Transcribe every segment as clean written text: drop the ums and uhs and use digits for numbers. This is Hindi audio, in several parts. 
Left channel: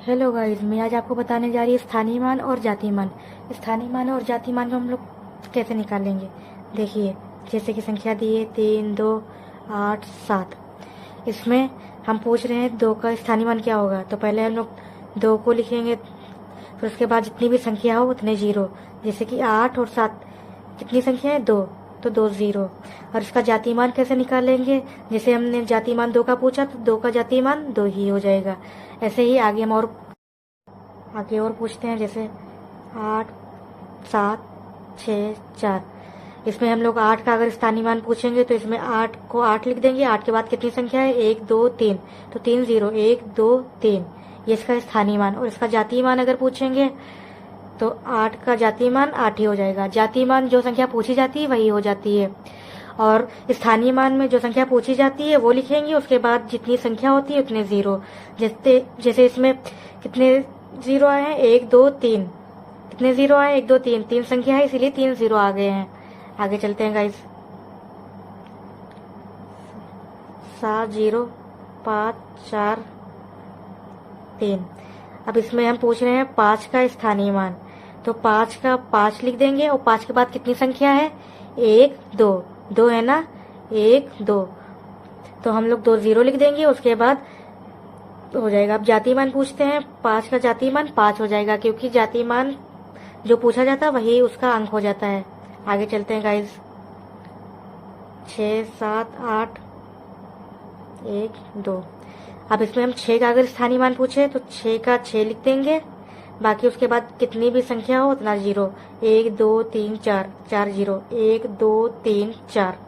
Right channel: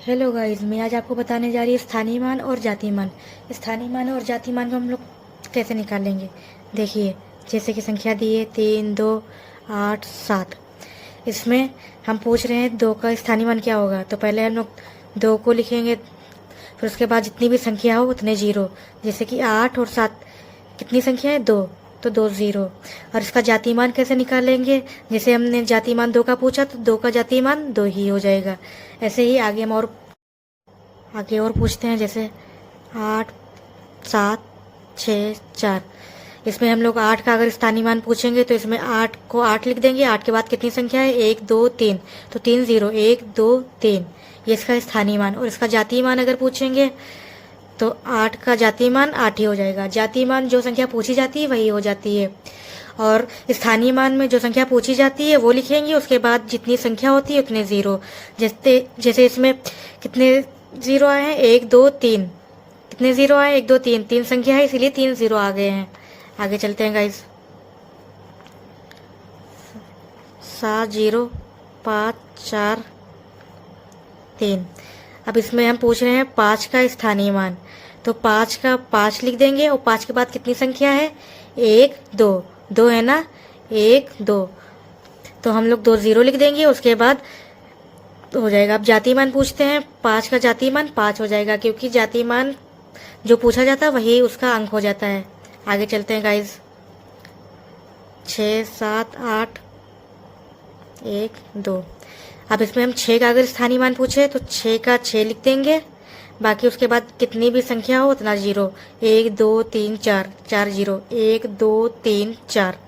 हेलो गाइस, मैं आज आपको बताने जा रही हूँ स्थानीय मान और जातीय मान। स्थानीय मान और जातीय मान को हम लोग कैसे निकालेंगे। देखिए, जैसे कि संख्या दी है 3, 2, 8, 7। इसमें हम पूछ रहे हैं 2 का स्थानीय मान क्या होगा। तो पहले हम लोग 2 को लिखेंगे, फिर उसके बाद जितनी भी संख्या हो उतने जीरो। जैसे कि 8 और 7 कितनी संख्या है, 2, तो 2 जीरो। और इसका जातीय मान कैसे निकालेंगे। जैसे हमने जातीय मान 2 का पूछा तो 2 का जातीय मान 2 ही हो जाएगा। ऐसे ही आगे और पूछते हैं। जैसे 8, 7, 6, 4। इसमें हम लोग 8 का अगर स्थानीय मान पूछेंगे तो इसमें 8 को 8 लिख देंगे। 8 के बाद कितनी संख्या है, 1, 2, 3, तो 3 जीरो, 1, 2, 3। ये इसका स्थानीय मान। और इसका जातीय मान अगर पूछेंगे तो 8 का जातीय मान 8 ही हो जाएगा। जातीय मान जो संख्या पूछी जाती है वही हो जाती है। और स्थानीय मान में जो संख्या पूछी जाती है वो लिखेंगे, उसके बाद जितनी संख्या होती है उतने जीरो। जैसे जैसे इसमें कितने जीरो आए हैं, 1, 2, 3। कितने जीरो आए, 1, 2, 3। 3 संख्या है इसीलिए 3 जीरो आ गए हैं। आगे चलते हैं गाइस। 7, 0, 5, 4, 3। अब इसमें हम पूछ रहे हैं 5 का स्थानीय मान। तो 5 का 5 लिख देंगे। और 5 के बाद कितनी संख्या है, 1, 2। 2 है ना, 1, 2। तो हम लोग 2 जीरो लिख देंगे, उसके बाद तो हो जाएगा। अब जातीय मान पूछते हैं। 5 का जातीय मान 5 हो जाएगा, क्योंकि जातीय मान जो पूछा जाता है वही उसका अंक हो जाता है। आगे चलते हैं गाइज। 6, 7, 8, 1, 2। अब इसमें हम 6 का अगर स्थानीय मान पूछे तो 6 का 6 लिख देंगे। बाकी उसके बाद कितनी भी संख्या हो उतना जीरो। 1, 2, 3, 4, 4 जीरो, 1, 2, 3, 4।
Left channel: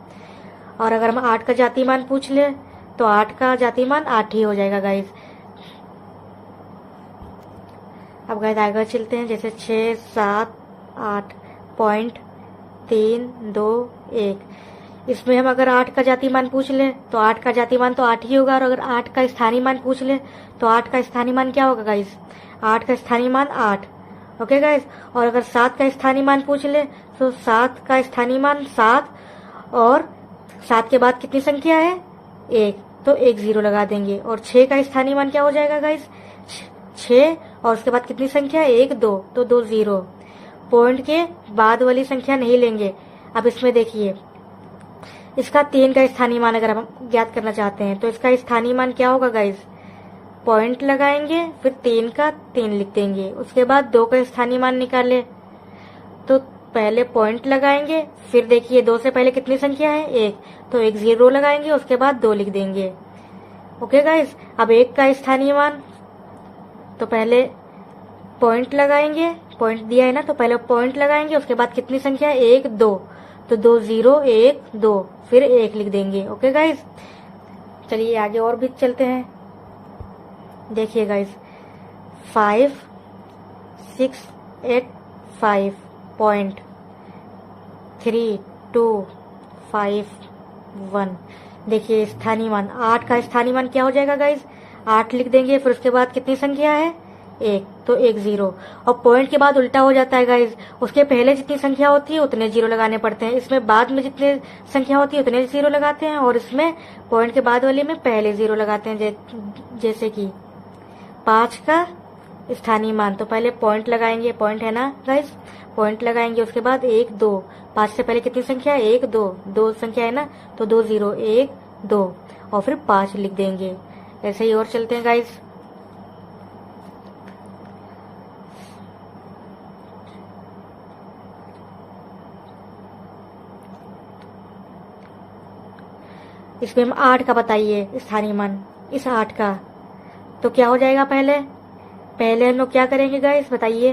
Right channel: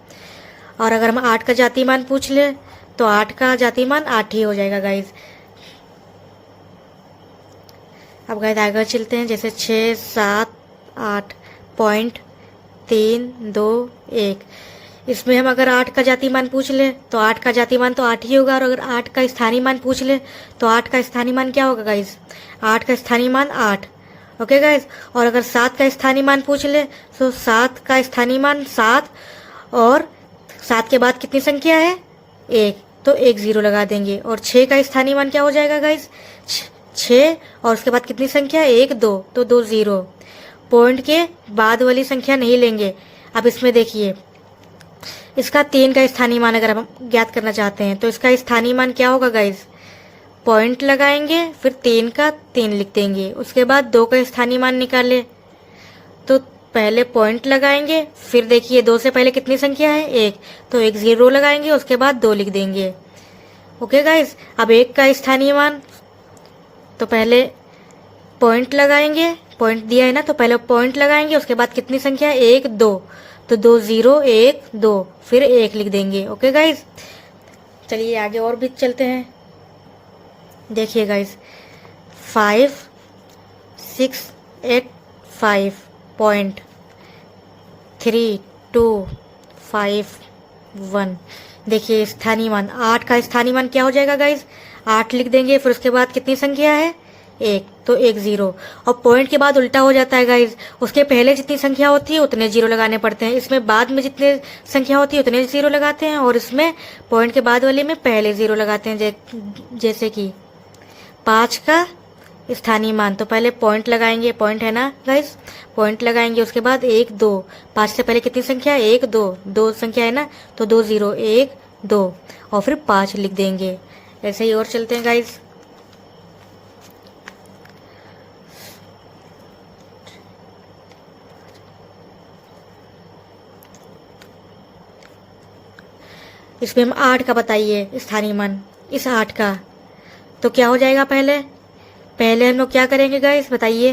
और अगर हम 8 का जातीय मान पूछ ले तो 8 का जातीय मान 8 ही हो जाएगा गाइज। अब गाइस आगे चलते हैं। जैसे 6, 7, 8, पॉइंट 3, 2, 1। इसमें हम अगर 8 का जातीय मान पूछ ले तो 8 का जातीय मान तो 8 ही होगा। और अगर 8 का स्थानीय मान पूछ ले तो 8 का स्थानीय मान क्या होगा गाइस, 8 का स्थानीय मान 8। Okay guys. और अगर 7 का स्थानीय मान पूछ ले तो 7 का स्थानीय मान 7। और 7 के बाद कितनी संख्या है, 1, तो 1 जीरो लगा देंगे। और 6 का स्थानीय मान क्या हो जाएगा गाइस, 6। और उसके बाद कितनी संख्या है, 1, 2, तो 2 जीरो। पॉइंट के बाद वाली संख्या नहीं लेंगे। अब इसमें देखिए, इसका 3 का स्थानीय मान अगर हम ज्ञात करना चाहते हैं तो इसका स्थानीय मान क्या होगा गाइस, पॉइंट लगाएंगे, फिर 3 का 3 लिख देंगे। उसके बाद 2 का स्थानीय मान निकाले तो पहले पॉइंट लगाएंगे, फिर देखिए 2 से पहले कितनी संख्या है, 1, तो 1 जीरो लगाएंगे, उसके बाद 2 लिख देंगे। Okay guys. अब 1 का स्थानीय मान, तो पहले पॉइंट लगाएंगे, पॉइंट दिया है ना तो पहले पॉइंट लगाएंगे, उसके बाद कितनी संख्या है, 1, 2, तो 2 जीरो, 1, 2, फिर 1 लिख देंगे। Okay guys. चलिए आगे और भी चलते हैं। देखिए गाइस, 5, 6, 8, 5, पॉइंट 3, 2, 5, 1। देखिए स्थानीय मान, 8 का स्थानीय मान क्या हो जाएगा गाइस, 8 लिख देंगे, फिर उसके बाद कितनी संख्या है, 1, तो 1 जीरो। और पॉइंट के बाद उल्टा हो जाता है गाइज, उसके पहले जितनी संख्या होती है उतने जीरो लगाने पड़ते हैं। इसमें बाद में जितने संख्या होती है उतने जीरो लगाते हैं, और इसमें पॉइंट के बाद वाले में पहले जीरो लगाते हैं। जैसे कि 5 का स्थानीय मान, तो पहले पॉइंट लगाएंगे, पॉइंट है ना गाइज, पॉइंट लगाएंगे, उसके बाद 1, 2। 5 से पहले कितनी संख्या है, 1, 2, 2 संख्या है ना, तो 2 जीरो, 1, 2, और फिर 5 लिख देंगे। ऐसे ही और चलते हैं गाइज। इसमें हम 8 का बताइए स्थानीय मान, इस 8 का तो क्या हो जाएगा। पहले पहले हम लोग क्या करेंगे गाइस, बताइए।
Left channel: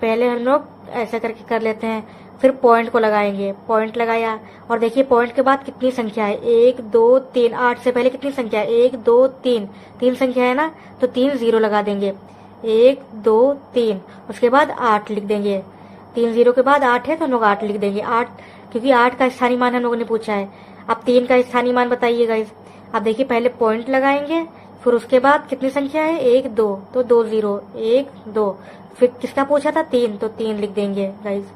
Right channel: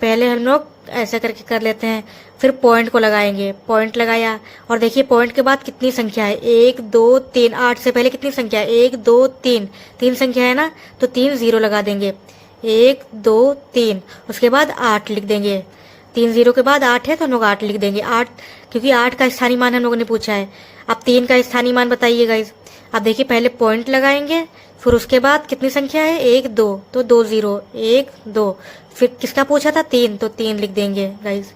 पहले हम लोग ऐसा करके कर लेते हैं, फिर पॉइंट को लगाएंगे, पॉइंट लगाया, और देखिए पॉइंट के बाद कितनी संख्या है, 1, 2, 3। 8 से पहले कितनी संख्या है, 1, 2, 3, 3 संख्या है ना, तो 3 जीरो लगा देंगे, 1, 2, 3, उसके बाद 8 लिख देंगे। 3 जीरो के बाद 8 है तो हम लोग 8 लिख देंगे, 8, क्योंकि 8 का स्थानीय मान हम लोगों ने पूछा है। अब 3 का स्थानीय मान बताइए गाइज। अब देखिए पहले पॉइंट लगाएंगे, फिर उसके बाद कितनी संख्या है, 1, 2, तो 2 जीरो, 1, 2, फिर किसका पूछा था, 3, तो 3 लिख देंगे गाइज।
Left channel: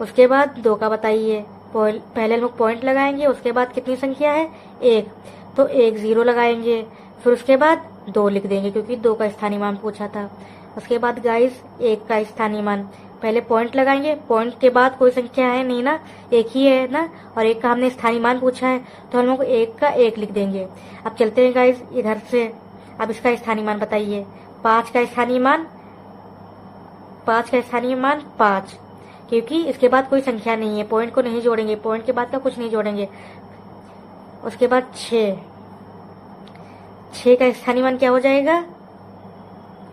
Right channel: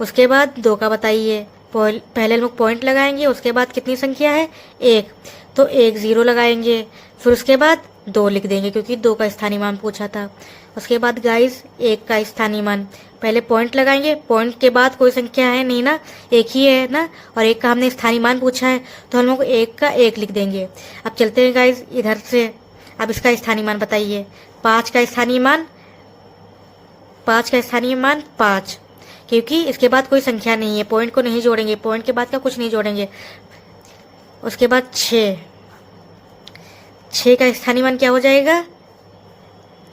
उसके बाद 2 का बताइए, पहले लोग पॉइंट लगाएंगे, उसके बाद कितनी संख्या है, 1, तो 1 जीरो लगाएंगे, फिर उसके बाद 2 लिख देंगे क्योंकि 2 का स्थानीय मान पूछा था। उसके बाद गाइस 1 का स्थानीय मान, पहले पॉइंट लगाएंगे, पॉइंट के बाद कोई संख्या है नहीं ना, एक ही है ना, और 1 का हमने स्थानीय मान पूछा है तो हम लोग 1 का 1 लिख देंगे। अब चलते हैं गाइस इधर से, अब इसका स्थानीय मान बताइए। 5 का स्थानीय मान 5, क्योंकि इसके बाद कोई संख्या नहीं है, पॉइंट को नहीं जोड़ेंगे, पॉइंट के बाद का कुछ नहीं जोड़ेंगे। उसके बाद 6 का स्थानीय मान क्या हो जाएगा?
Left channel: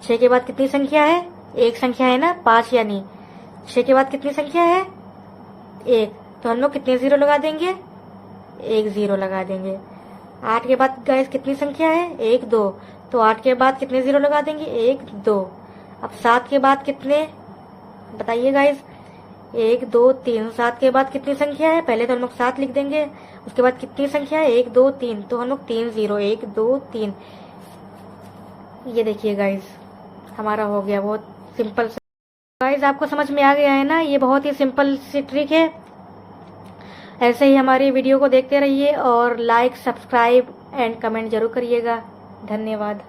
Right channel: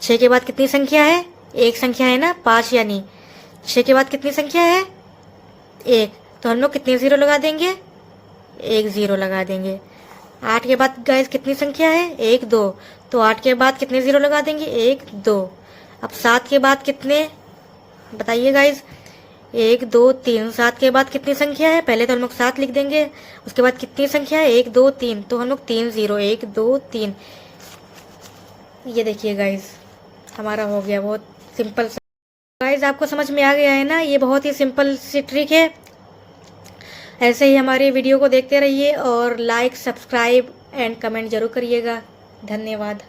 6 के बाद कितनी संख्या है? एक संख्या है ना, 5 यानी 6 के बाद कितनी संख्या है? 1, तो हम लोग कितने 0 लगा देंगे? 1 0 लगा देंगे। 8 के बाद गाइस कितनी संख्या है? 1 2, तो 8 के बाद कितने 0 लगा देंगे? 1 2। अब 7 के बाद कितने बताइए गाइस? 1 2 3। 7 के बाद कितनी संख्या है? पहले तो हम लोग 7 लिख देंगे, उसके बाद कितनी संख्या है? 1 2 3, तो हम लोग 3 0, 1 2 3। ये देखिए गाइस हमारा हो गया, बहुत सिंपल। गाइस आपको समझ में आ गया है ना, ये बहुत ही सिंपल सी ट्रिक है। ऐसे ही हमारे वीडियो को देखते रहिए और लाइक, सब्सक्राइब एंड कमेंट जरूर करिएगा। धन्यवाद।